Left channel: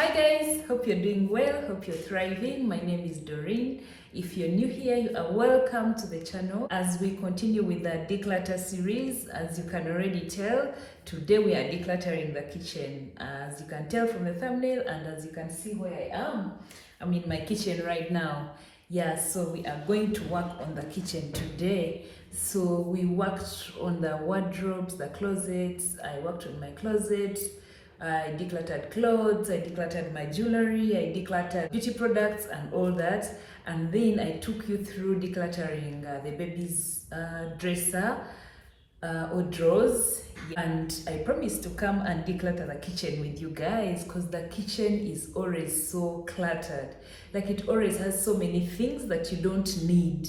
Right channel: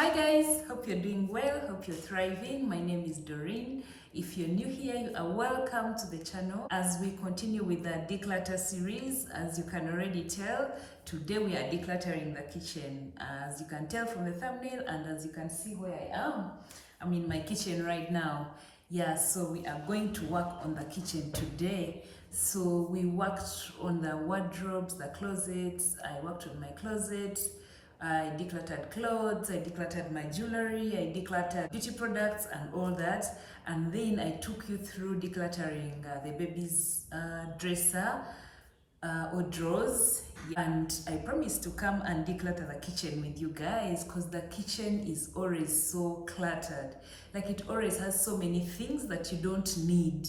Hi guys, hope you're doing well, hope you're thriving. My name is Doreen. If you're new here, you are welcome to the channel as we continue with the declutter series. As you can already tell, today we are decluttering the kitchen. As you can tell from the thumbnail and as you can see where I am, I'm in my kitchen right now. Yeah, so we are going to work on the kitchen today. So we worked on the wardrobes, the closets. I worked on my closet. I decluttered clothes, I decluttered my jewelry, I decluttered beauty products and all that. And then I took you through decluttering the baby's dresser or drawers. And I promised to come and declutter the kitchen with you guys because the kitchen is always so cluttered. Like it always has so many things that you don't need.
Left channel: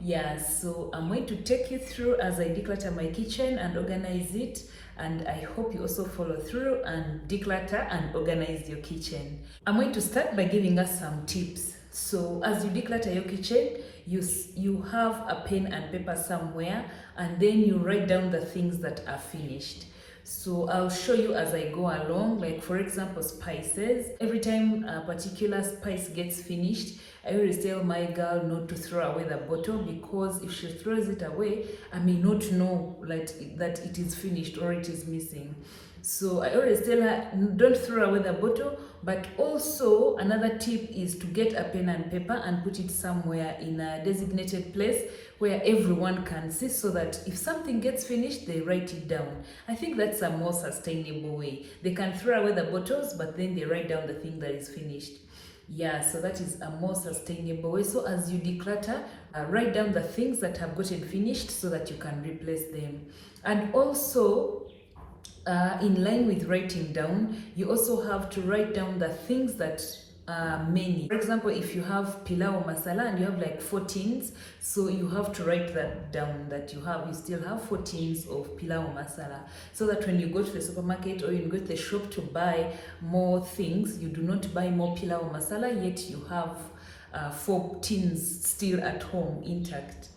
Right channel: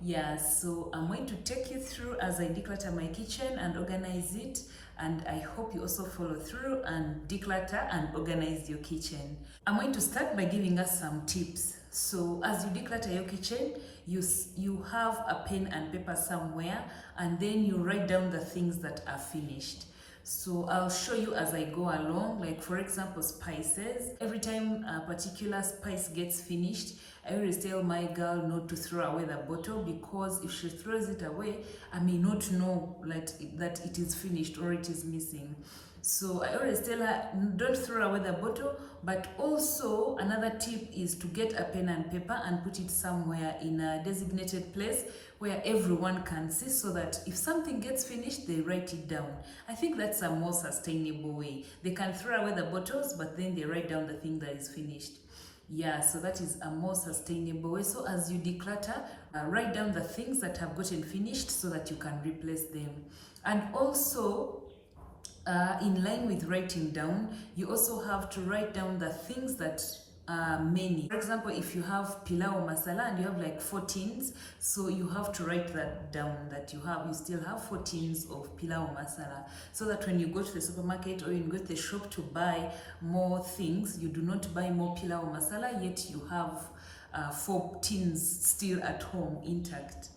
Yeah, so I'm going to take you through as I declutter my kitchen and organize it, and I hope you also follow through and declutter and organize your kitchen. I'm going to start by giving us some tips. So as you declutter your kitchen, you have a pen and paper somewhere, and then you write down the things that are finished. So I'll show you as I go along. Like for example, spices. Every time a particular spice gets finished, I always tell my girl not to throw away the bottle, because if she throws it away, I may not know that it is finished or it is missing. So I always tell her, don't throw away the bottle. But also another tip is to get a pen and paper and put it somewhere in a designated place where everyone can see, so that if something gets finished, they write it down. I think that's a more sustainable way. They can throw away the bottles, but then they write down the thing that is finished. Yeah, so that is a more sustainable way. So as you declutter, write down the things that have gotten finished so that you can replace them. And also, in line with writing down, you also have to write down the things that are many. For example, if you have pilau masala and you have like 4 tins, so you have to write that down, that you still have 4 tins of pilau masala, so that when you go to the supermarket or you go to the shop to buy more things, you do not buy more pilau masala, yet you have 4 tins still at home intact.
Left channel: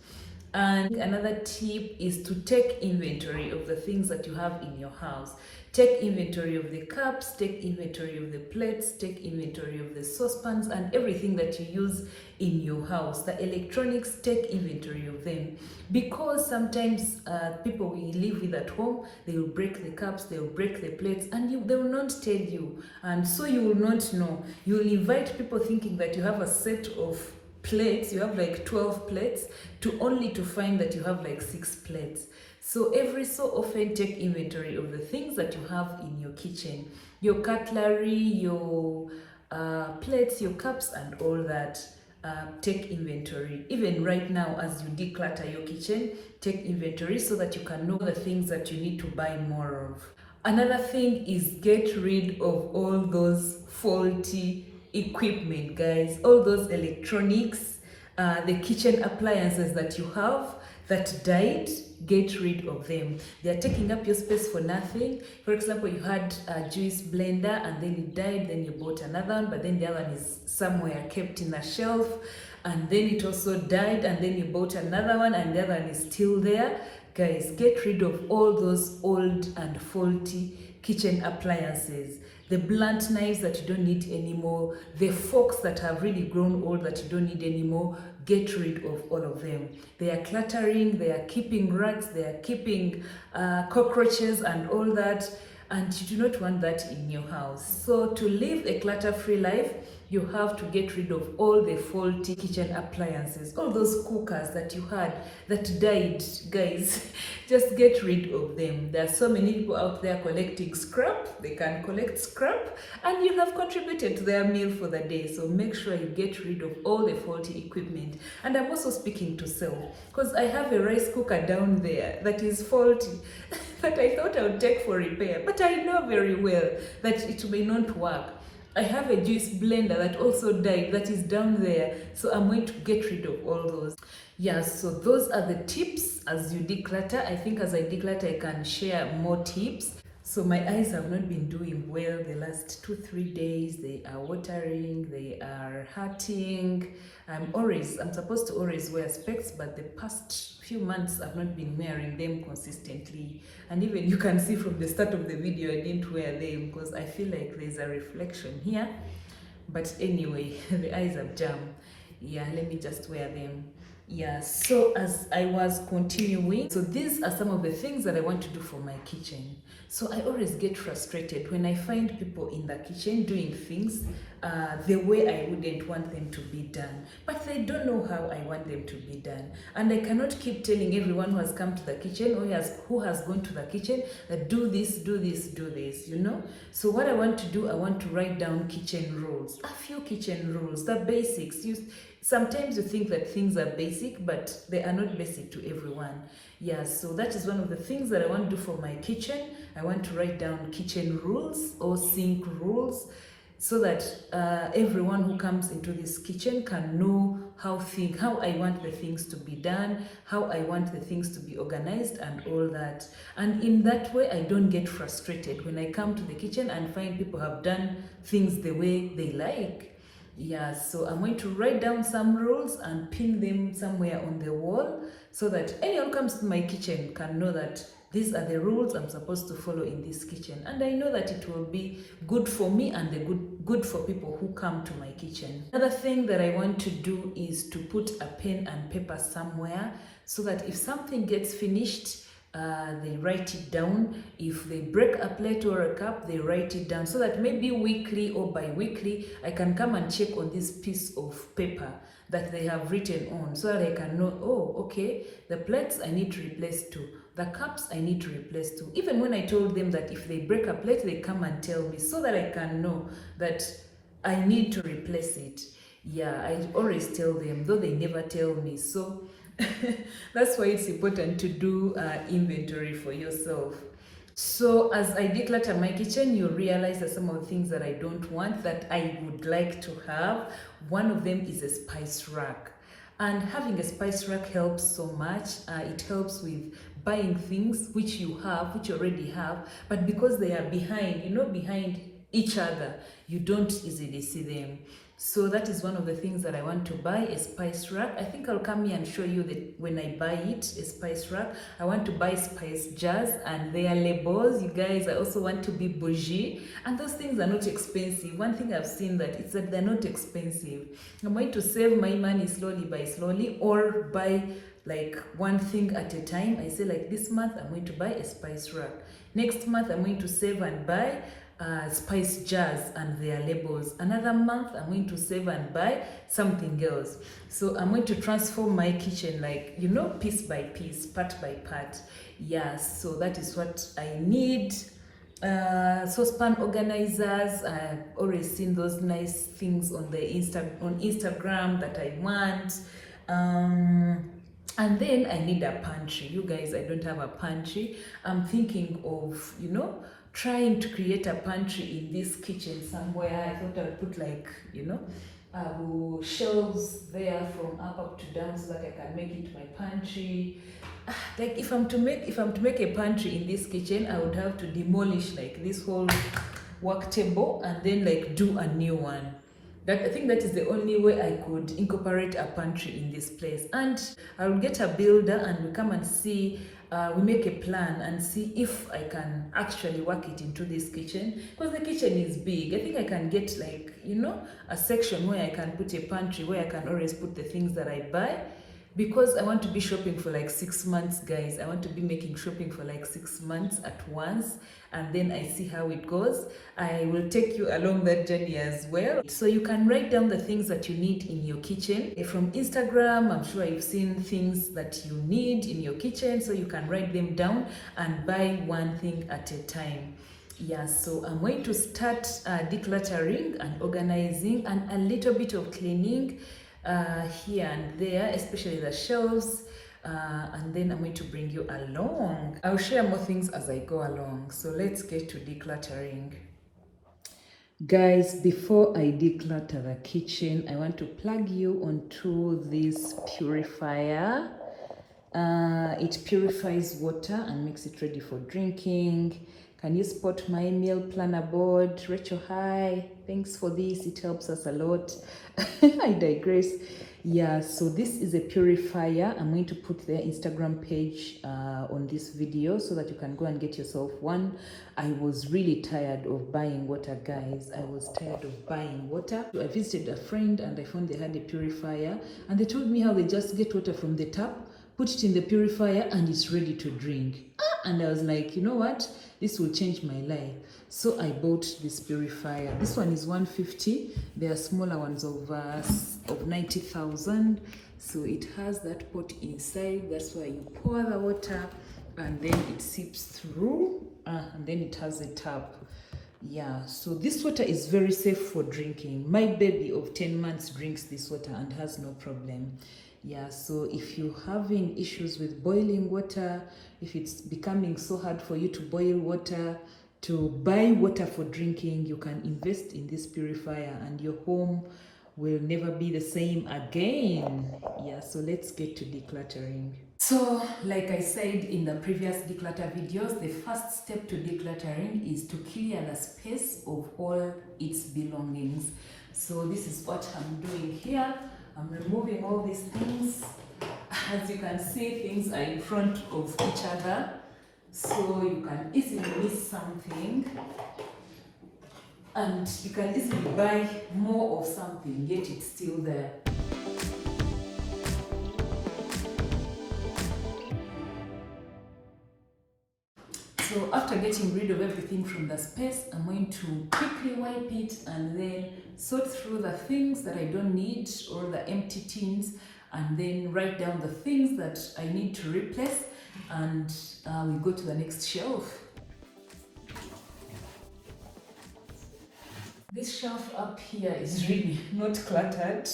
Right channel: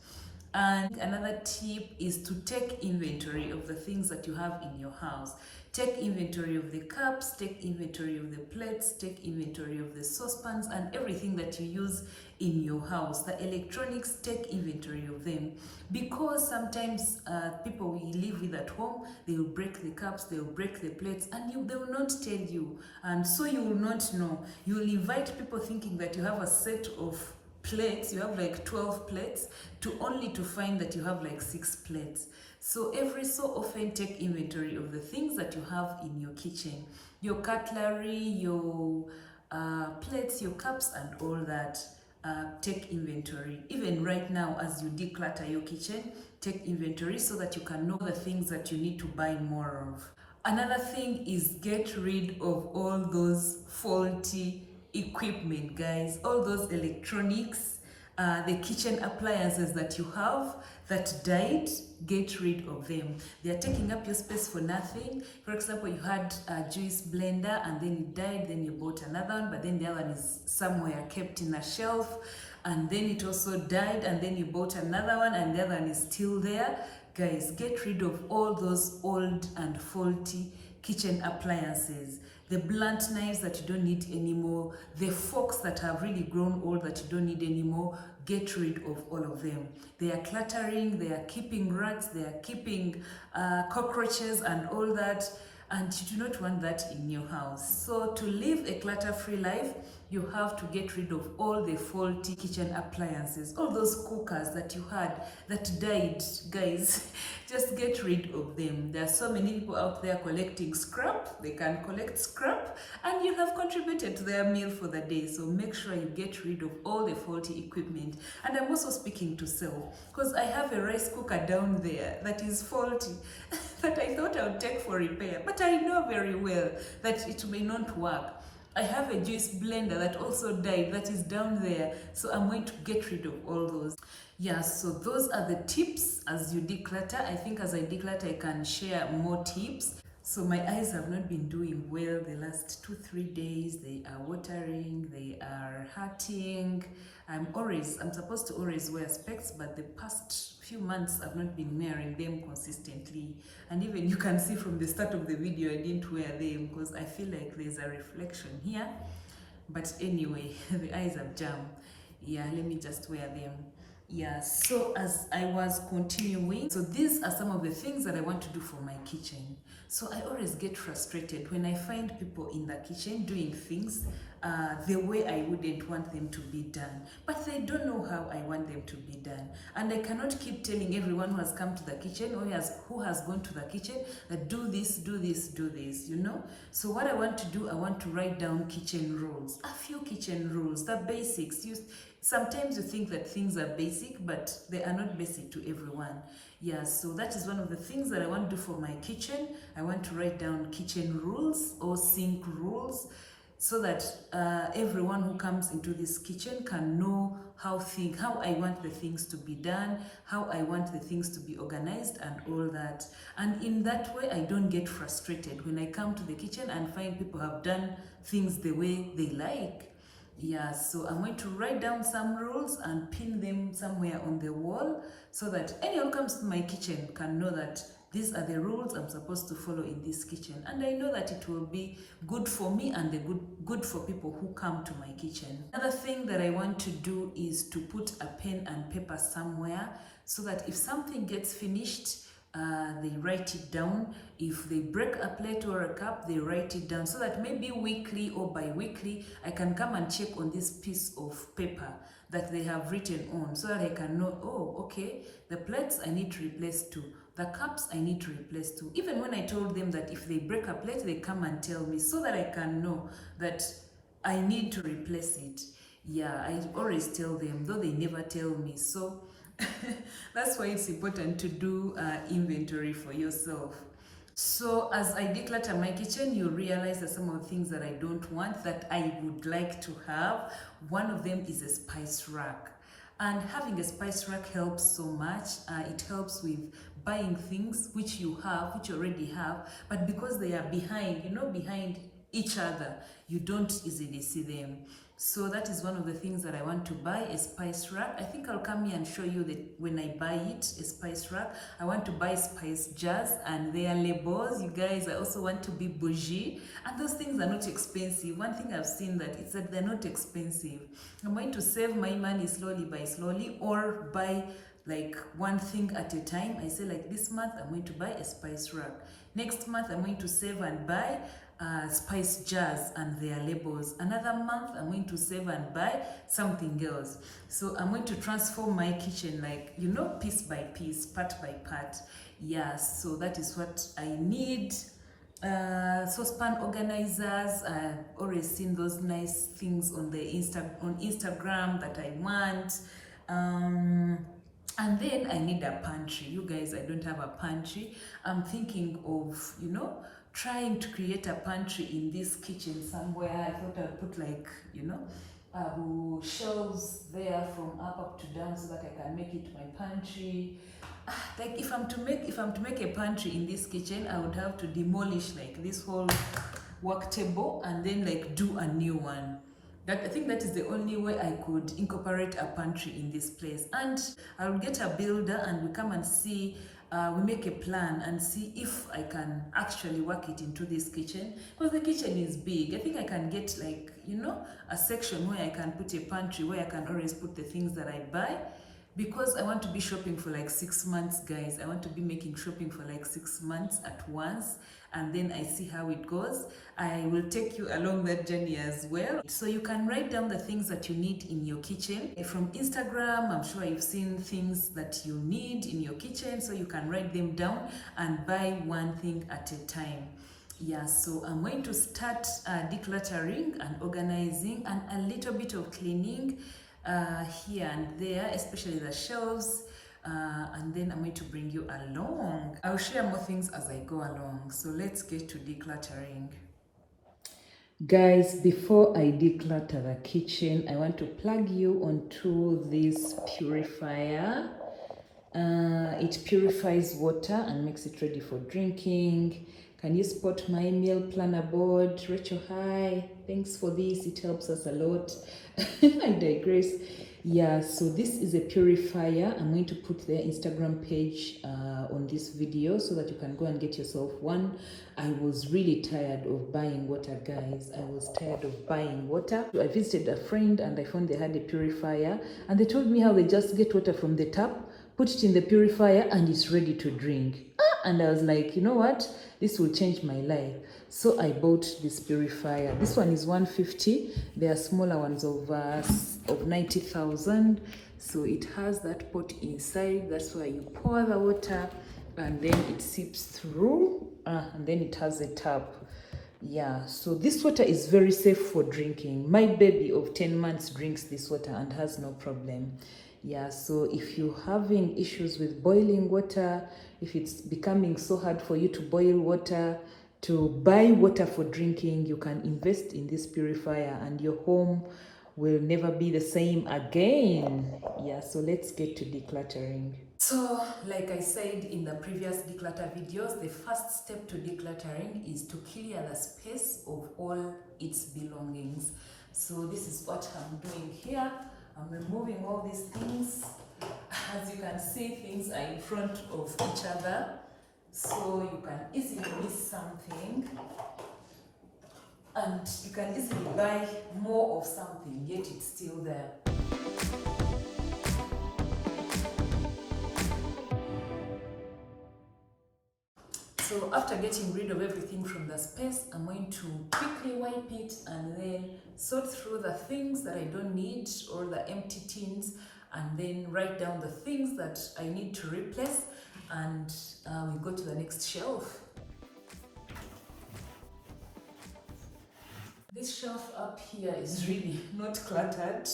And another tip is to take inventory of the things that you have in your house. Take inventory of the cups, take inventory of the plates, take inventory of the saucepans and everything that you use in your house. The electronics, take inventory of them. Because sometimes people we live with at home, they will break the cups, they will break the plates, and they will not tell you. And so you will not know. You will invite people thinking that you have a set of plates, you have like 12 plates, to find that you have like 6 plates. So every so often, take inventory of the things that you have in your kitchen, your cutlery, your plates, your cups and all that. Take inventory. Even right now as you declutter your kitchen, take inventory so that you can know the things that you need to buy more of. Another thing is get rid of all those faulty equipment, guys. All those electronics, the kitchen appliances that you have that died, get rid of them. They are taking up your space for nothing. For example, you had a juice blender and then it died, then you bought another one, but then the other one is somewhere kept in a shelf, and then it also died, and then you bought another one and the other one is still there. Guys, get rid of all those old and faulty kitchen appliances. The blunt knives that you don't need anymore, the forks that have really grown old that you don't need anymore, get rid of all of them. They are cluttering, they are keeping rats, they are keeping cockroaches and all that, and you do not want that in your house. So to live a clutter-free life, you have to get rid of all the faulty kitchen appliances, all those cookers that you had that died, guys. Just get rid of them. There are so many people out there collecting scrap. They can collect scrap and you have contributed to their meal for the day. So make sure you get rid of all the faulty equipment. And I'm also speaking to self, because I have a rice cooker down there that is faulty that I thought I would take for repair, but I know very well that it may not work. I have a juice blender that also died that is down there, so I'm going to get rid of all those. Yeah, so those are the tips as you declutter. I think as I declutter, I can share more tips. So my eyes have not been doing well the last 2-3 days. They are watering, they are hurting. I'm supposed to always wear specs, but the past few months I've not been wearing them consistently. And even you can see from the start of the video I didn't wear them because I feel like there's a reflection here. But anyway, the eyes have jammed. Yeah, let me just wear them. Yeah, so as I was continuing, so these are some of the things that I want to do for my kitchen. So I always get frustrated when I find people in the kitchen doing things the way I wouldn't want them to be done. But they don't know how I want them to be done. And I cannot keep telling everyone who has come to the kitchen or who has gone to the kitchen that do this, do this, do this, you know? So what I want to do, I want to write down kitchen rules. A few kitchen rules, the basics. Sometimes you think that things are basic, but they are not basic to everyone. Yeah, so that is one of the things that I want to do for my kitchen. I want to write down kitchen rules or sink rules so that everyone who comes into this kitchen can know how I want the things to be done, how I want the things to be organized and all that. And in that way, I don't get frustrated when I come to the kitchen and find people have done things the way they like. Yeah, so I'm going to write down some rules and pin them somewhere on the wall so that anyone who comes to my kitchen can know that these are the rules I'm supposed to follow in this kitchen. And I know that it will be good for me and good for people who come to my kitchen. Another thing that I want to do is to put a pen and paper somewhere so that if something gets finished, they write it down. If they break a plate or a cup, they write it down so that maybe weekly or bi-weekly I can come and check on this piece of paper that they have written on so that I can know, oh, okay, the plates I need to replace too, the cups I need to replace too. Even when I told them that if they break a plate, they come and tell me so that I can know that I need to replace it. Yeah, I always tell them, though they never tell me. So that's why it's important to do inventory for yourself. So as I declutter my kitchen, you realize that some of the things that I don't want that I would like to have, one of them is a spice rack. And having a spice rack helps so much. It helps with buying things which you already have, but because they are behind each other, you don't easily see them. So that is one of the things that I want to buy, a spice rack. I think I'll come here and show you that when I buy it, a spice rack. I want to buy spice jars and their labels. You guys, I also want to be bougie. And those things are not expensive. One thing I've seen that it's that they're not expensive. I'm going to save my money slowly by slowly or buy like one thing at a time. I say like this month, I'm going to buy a spice rack. Next month, I'm going to save and buy spice jars and their labels. Another month I'm going to save and buy something else. So I'm going to transform my kitchen like, piece by piece, part by part. Yeah, so that is what I need. Saucepan organizers. I've always seen those nice things on the on Instagram that I want. And then I need a pantry. You guys, I don't have a pantry. I'm thinking of, trying to create a pantry in this kitchen somewhere. I thought I'd put like, shelves there from up to down so that I can make it my pantry. Like if I'm to make a pantry in this kitchen, I would have to demolish like this whole work table and then like do a new one. I think that is the only way I could incorporate a pantry in this place. And I'll get a builder and we come and see, we make a plan and see if I can actually work it into this kitchen. Because the kitchen is big. I think I can get like, a section where I can put a pantry where I can always put the things that I buy. Because I want to be shopping for like 6 months, guys. I want to be making shopping for like 6 months at once. And then I see how it goes. I will take you along that journey as well. So you can write down the things that you need in your kitchen. From Instagram, I'm sure you've seen things that you need in your kitchen. So you can write them down and buy one thing at a time. Yeah, so I'm going to start decluttering and organizing and a little bit of cleaning here and there, especially the shelves. And then I'm going to bring you along. I'll share more things as I go along. So let's get to decluttering. Guys, before I declutter the kitchen, I want to plug you onto this purifier. It purifies water and makes it ready for drinking. Can you spot my meal planner board? Rachel, hi. Thanks for this. It helps us a lot. I digress. Yeah, so this is a purifier. I'm going to put their Instagram page on this video so that you can go and get yourself one. I was really tired of buying water, guys. I was tired of buying water. I visited a friend and I found they had a purifier, and they told me how they just get water from the tap, put it in the purifier, and it's ready to drink. And I was like, you know what? This will change my life. So I bought this purifier. This one is 150. There are smaller ones of 90,000. So it has that pot inside. That's why you pour the water and then it seeps through, and then it has a tap. Yeah, so this water is very safe for drinking. My baby of 10 months drinks this water and has no problem. Yeah, so if you're having issues with boiling water, if it's becoming so hard for you to boil water, to buy water for drinking, you can invest in this purifier and your home will never be the same again. Yeah, so let's get to decluttering. So, like I said in the previous declutter videos, the first step to decluttering is to clear the space of all its belongings. So this is what I'm doing here. I'm removing all these things. As you can see, things are in front of each other, so you can easily miss something, and you can easily buy more of something, yet it's still there. So after getting rid of everything from the space, I'm going to quickly wipe it and then sort through the things that I don't need, or the empty tins, and then write down the things that I need to replace, and we go to the next shelf. This shelf up here is really not cluttered.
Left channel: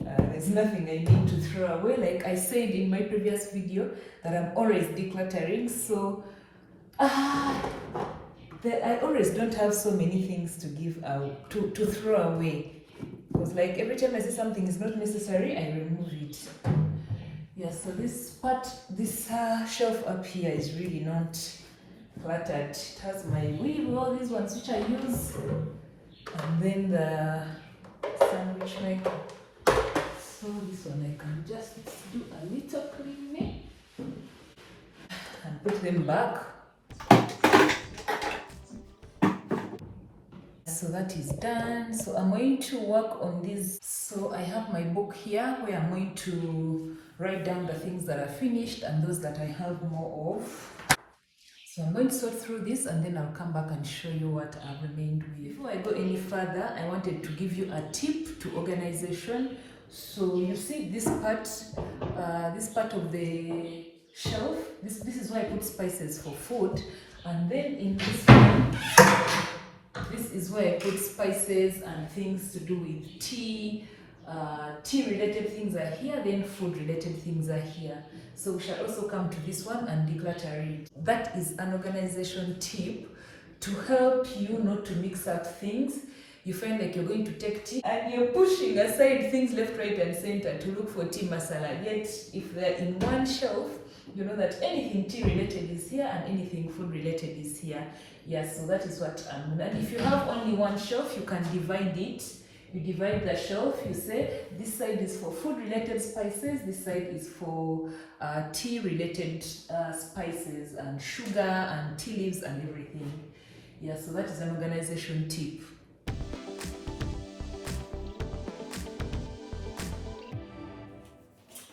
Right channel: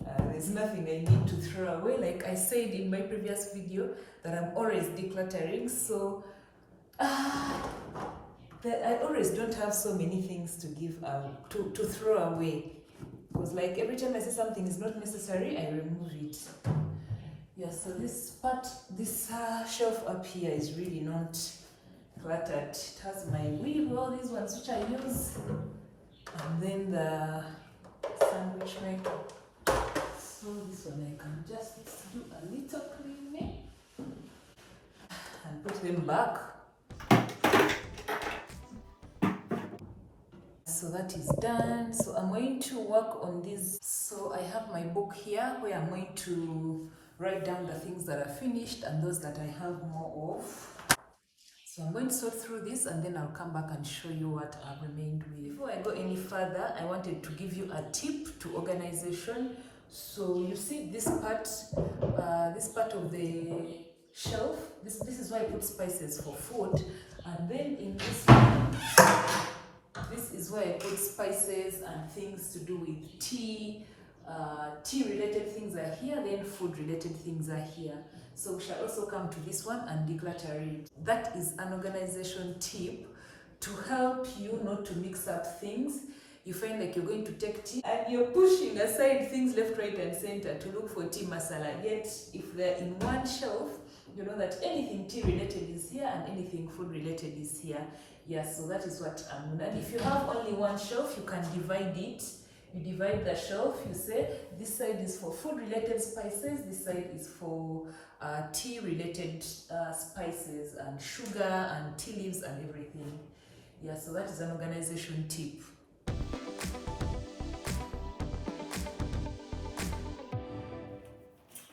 There's nothing I need to throw away. Like I said in my previous video, that I'm always decluttering, so I always don't have so many things to give out, to throw away. Because like every time I see something is not necessary, I remove it. Yeah, so this shelf up here is really not cluttered. It has my weave, all these ones which I use, and then the sandwich maker. So this one I can just do a little cleaning and put them back. So that is done. So I'm going to work on this. So I have my book here where I'm going to write down the things that are finished and those that I have more of. So I'm going to sort through this and then I'll come back and show you what I've remained with. Before I go any further, I wanted to give you a tip to organization. So you see this part of the shelf, this is where I put spices for food, and then in this one, this is where I put spices and things to do with tea. Tea related things are here, then food related things are here. So we shall also come to this one and declutter it. That is an organization tip to help you not to mix up things. You find like you're going to take tea and you're pushing aside things left, right and center to look for tea masala. Yet if they're in one shelf, you know that anything tea related is here and anything food related is here. Yes, so that is what I'm doing. And if you have only one shelf, you can divide it. You divide the shelf, you say this side is for food related spices, this side is for tea related spices and sugar and tea leaves and everything. Yeah, so that is an organization tip.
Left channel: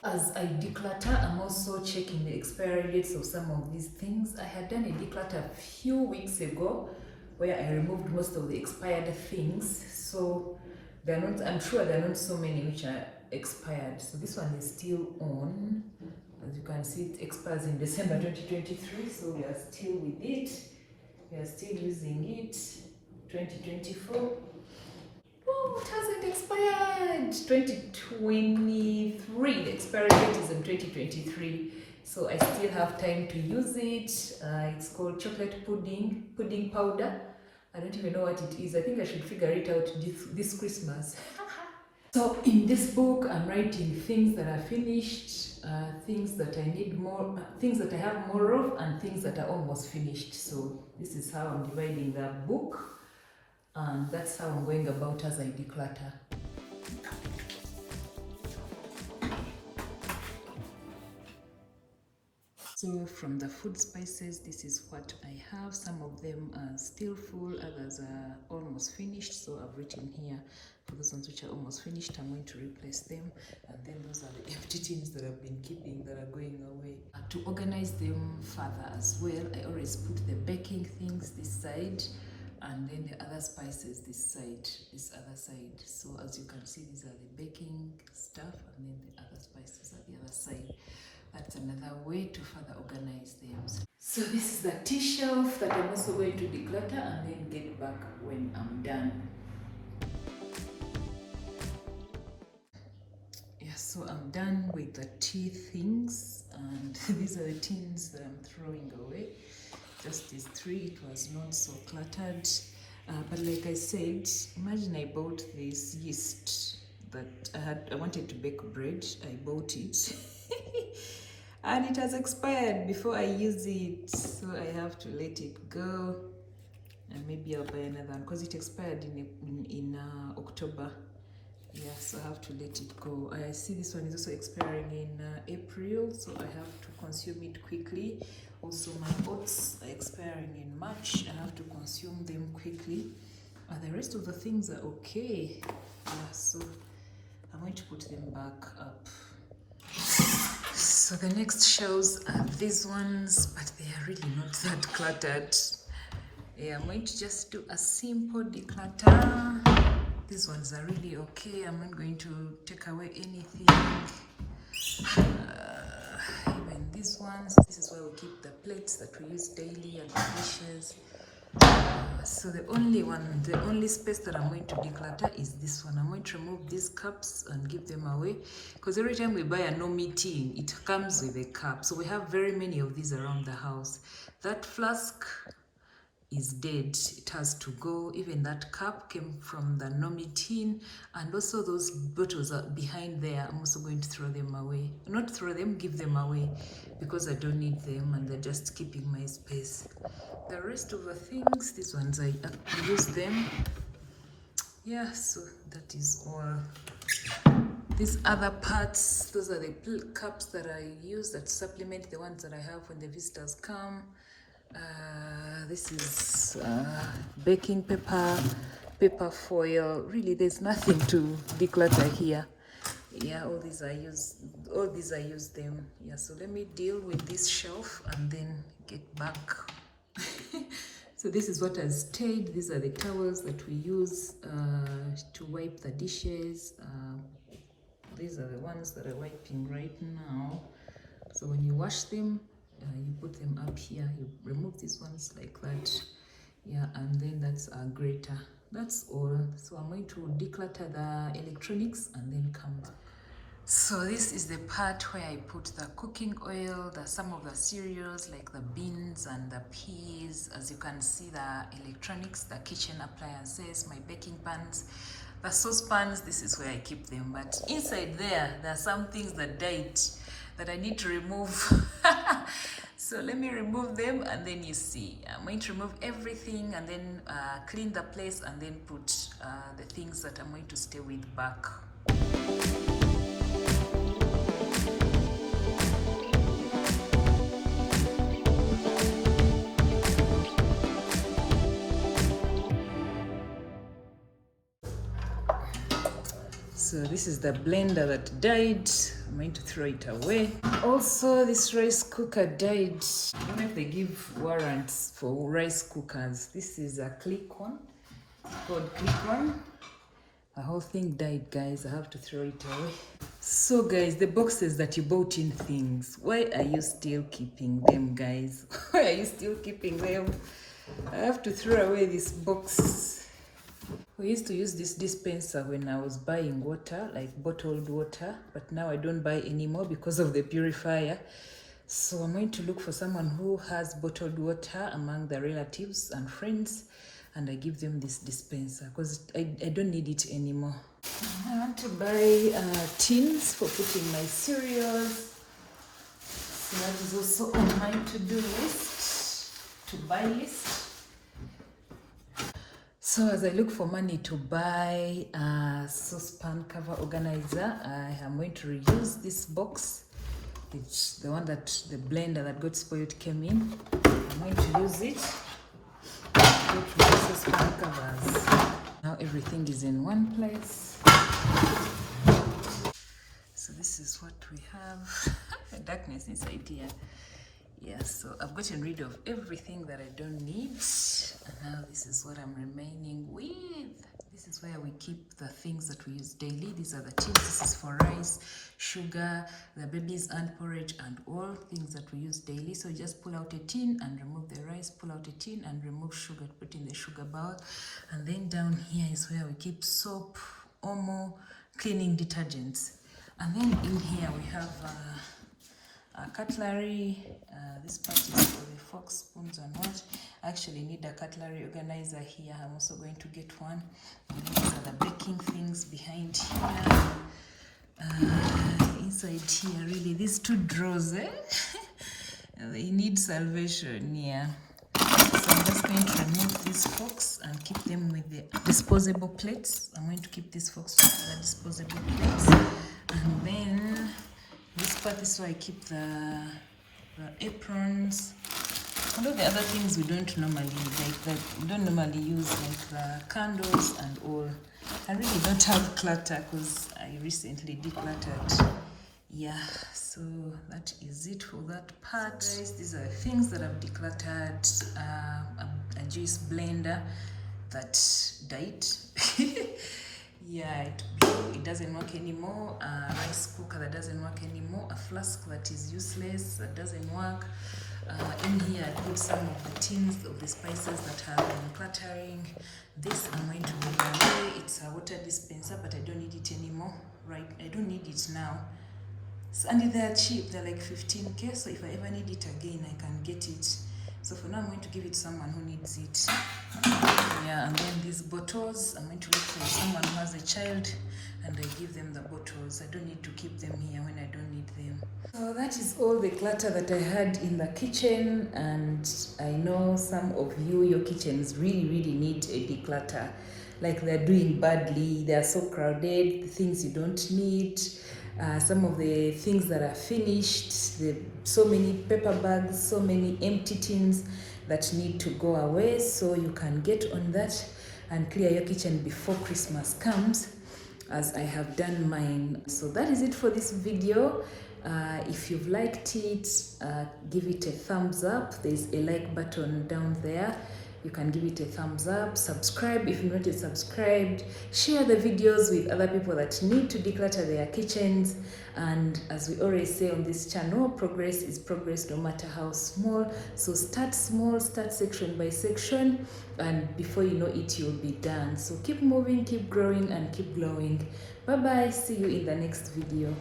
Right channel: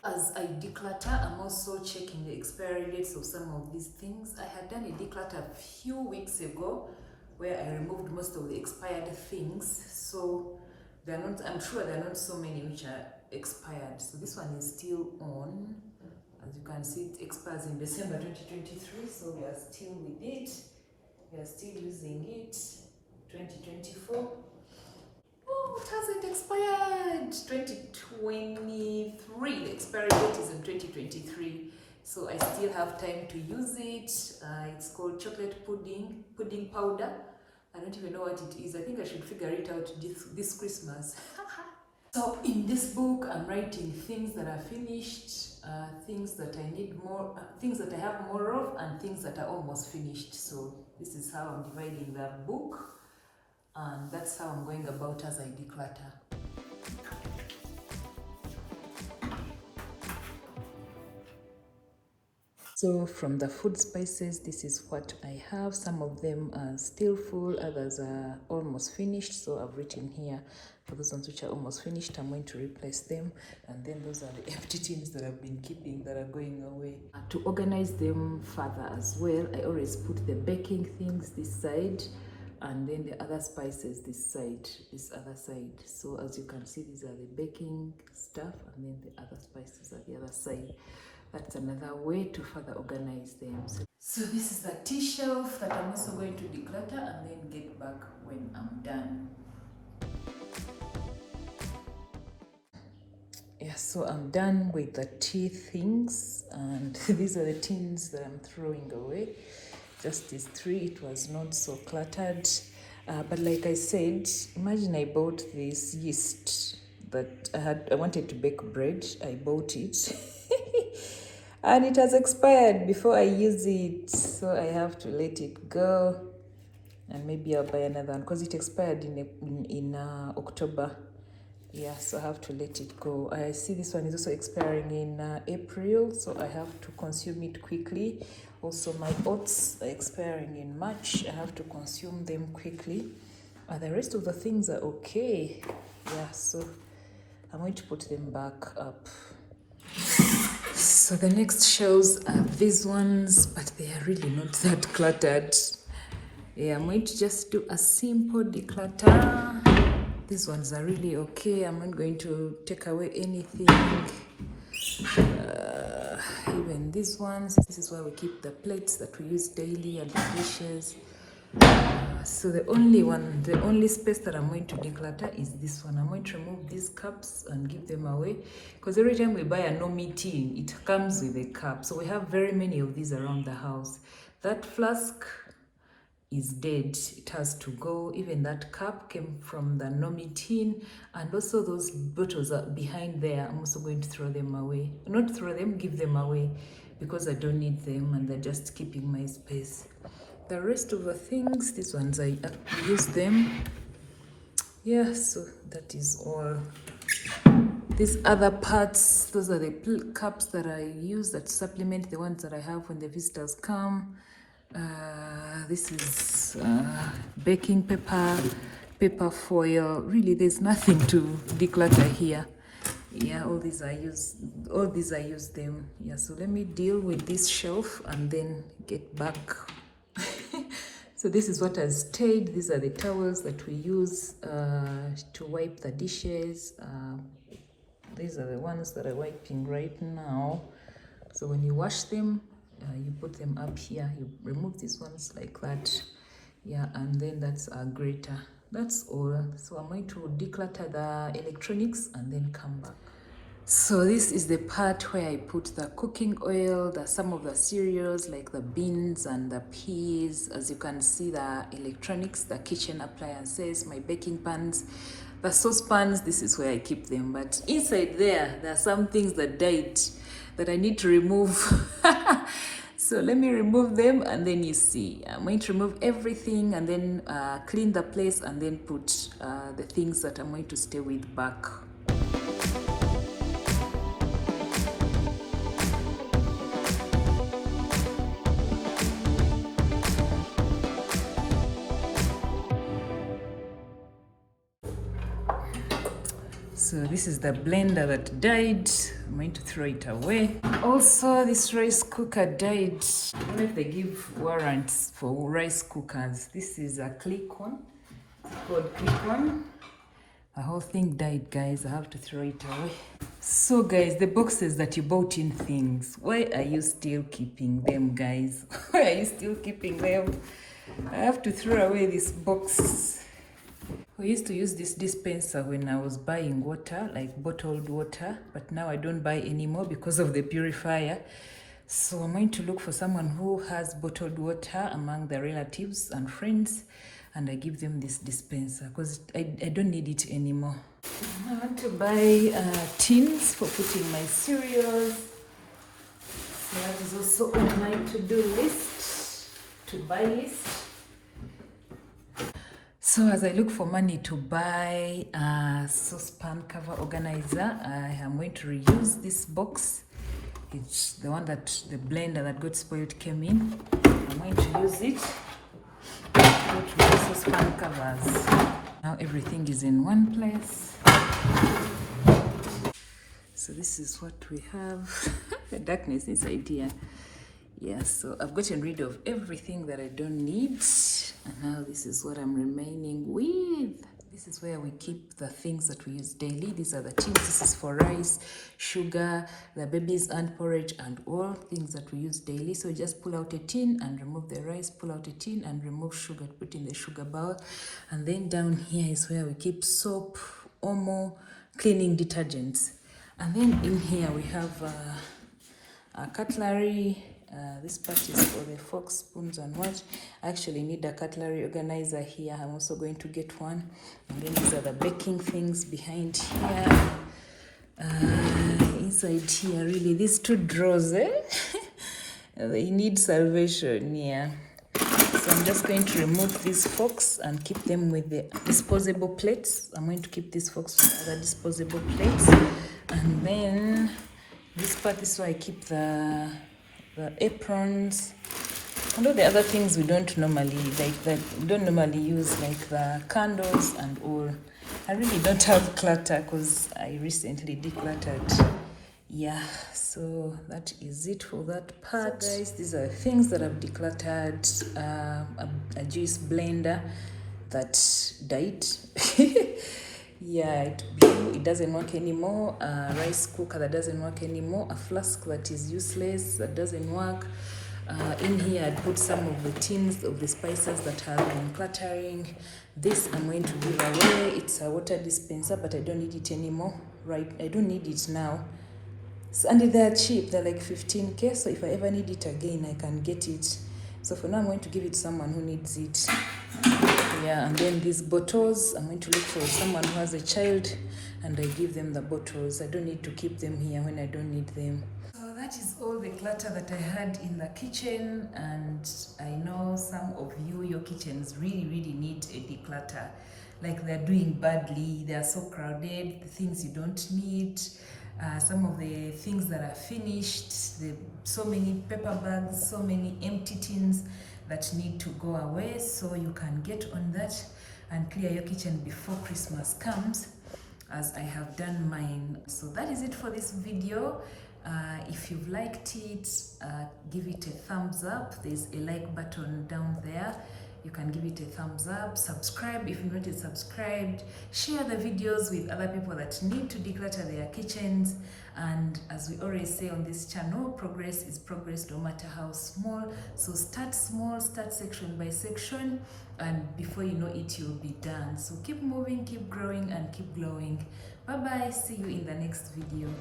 As I declutter, I'm also checking the expiry dates of some of these things. I had done a declutter a few weeks ago where I removed most of the expired things. So they're not, I'm sure there are not so many which are expired. So this one is still on. As you can see, it expires in December 2023. So we are still with it. We are still using it. 2024. Oh, it hasn't expired. 2023. The expiry date is in 2023. So I still have time to use it. It's called chocolate pudding powder. I don't even know what it is. I think I should figure it out this Christmas. So in this book, I'm writing things that are finished, things that I need more, things that I have more of, and things that are almost finished. So this is how I'm dividing that book, and that's how I'm going about as I declutter. So from the food spices, this is what I have. Some of them are still full, others are almost finished. So I've written here for those ones which are almost finished, I'm going to replace them. And then those are the empty tins that I've been keeping that are going away. To organize them further as well, I always put the baking things this side and then the other spices this side, this other side. So as you can see, these are the baking stuff and then the other spices are the other side. That's another way to further organize them. So this is the tea shelf that I'm also going to declutter and then get back when I'm done. Yeah, so I'm done with the tea things and these are the tins that I'm throwing away. Just these three, it was not so cluttered. But like I said, imagine I bought this yeast that I wanted to bake bread. I bought it and it has expired before I use it. So I have to let it go and maybe I'll buy another one because it expired in October. Yeah, so I have to let it go. I see this one is also expiring in April, so I have to consume it quickly. Also, my oats are expiring in March. I have to consume them quickly. The rest of the things are okay. Yeah, so I'm going to put them back up. So the next shelves are these ones, but they are really not that cluttered. Yeah, I'm going to just do a simple declutter. These ones are really okay. I'm not going to take away anything. Even these ones, this is where we keep the plates that we use daily and the dishes. So the only space that I'm going to declutter is this one. I'm going to remove these cups and give them away because every time we buy a no-meat tin, it comes with a cup. So we have very many of these around the house. That flask is dead. It has to go. Even that cup came from the Nomi tin, and also those bottles are behind there. I'm also going to throw them away. Not throw them, give them away because I don't need them and they're just keeping my space. The rest of the things, these ones I use them. Yeah, so that is all. These other parts, those are the cups that I use that supplement the ones that I have when the visitors come. This is baking paper, paper foil. Really, there's nothing to declutter here. Yeah, all these I use them. Yeah, so let me deal with this shelf and then get back. So this is what has stayed. These are the towels that we use to wipe the dishes. These are the ones that I'm wiping right now. So when you wash them, you put them up here. You remove these ones like that. Yeah, and then that's a grater. That's all. So I'm going to declutter the electronics and then come back. So this is the part where I put the cooking oil, some of the cereals like the beans and the peas. As you can see, the electronics, the kitchen appliances, my baking pans, the saucepans, this is where I keep them. But inside there are some things that died that I need to remove. So let me remove them and then you see. I'm going to remove everything and then clean the place and then put the things that I'm going to stay with back. So this is the blender that died. I'm going to throw it away. Also, this rice cooker died. I don't know if they give warrants for rice cookers. This is a click-on. It's called click-on. The whole thing died, guys. I have to throw it away. So, guys, the boxes that you bought in things, why are you still keeping them, guys? Why are you still keeping them? I have to throw away this box. We used to use this dispenser when I was buying water, like bottled water, but now I don't buy anymore because of the purifier. So I'm going to look for someone who has bottled water among the relatives and friends, and I give them this dispenser because I don't need it anymore. I want to buy tins for putting my cereals. So that is also on my to-do list, to buy list. So as I look for money to buy a saucepan cover organizer, I am going to reuse this box. It's the one that the blender that got spoiled came in. I'm going to use it. Saucepan covers. Now everything is in one place. So this is what we have. The darkness inside here. Yeah, so I've gotten rid of everything that I don't need. And now this is what I'm remaining with. This is where we keep the things that we use daily. These are the tins. This is for rice, sugar, the baby's and porridge, and all things that we use daily. So just pull out a tin and remove the rice, pull out a tin and remove sugar, put in the sugar bowl. And then down here is where we keep soap, omo, cleaning detergents. And then in here we have a cutlery. This part is for the forks, spoons, and what. I actually need a cutlery organizer here. I'm also going to get one. And then these are the baking things behind here. Inside here, really, these two drawers, they need salvation, yeah. So I'm just going to remove these forks and keep them with the disposable plates. I'm going to keep these forks with other disposable plates. And then this part is where I keep the aprons. Although the other things we don't normally use, like the candles and all. I really don't have clutter because I recently decluttered. Yeah, so that is it for that part. So guys, these are things that I've decluttered. A juice blender that died. Yeah, it doesn't work anymore. A rice cooker that doesn't work anymore. A flask that is useless, that doesn't work. In here I put some of the tins of the spices that have been cluttering. This I'm going to give away. It's a water dispenser, but I don't need it anymore. Right, I don't need it now. So, and they're cheap, they're like 15k, so if I ever need it again I can get it. So for now I'm going to give it to someone who needs it. Yeah, and then these bottles, I'm going to look for someone who has a child and I give them the bottles. I don't need to keep them here when I don't need them. So that is all the clutter that I had in the kitchen, and I know some of you, your kitchens really need a declutter. Like they're doing badly, they are so crowded, the things you don't need. Some of the things that are finished, so many paper bags, so many empty tins that need to go away. So you can get on that and clear your kitchen before Christmas comes, as I have done mine. So that is it for this video. If you've liked it, give it a thumbs up. There's a like button down there. You can give it a thumbs up. Subscribe if you're not yet subscribed. Share the videos with other people that need to declutter their kitchens. And as we always say on this channel, progress is progress no matter how small. So start small, start section by section, and before you know it, you'll be done. So keep moving, keep growing, and keep glowing. Bye bye. See you in the next video.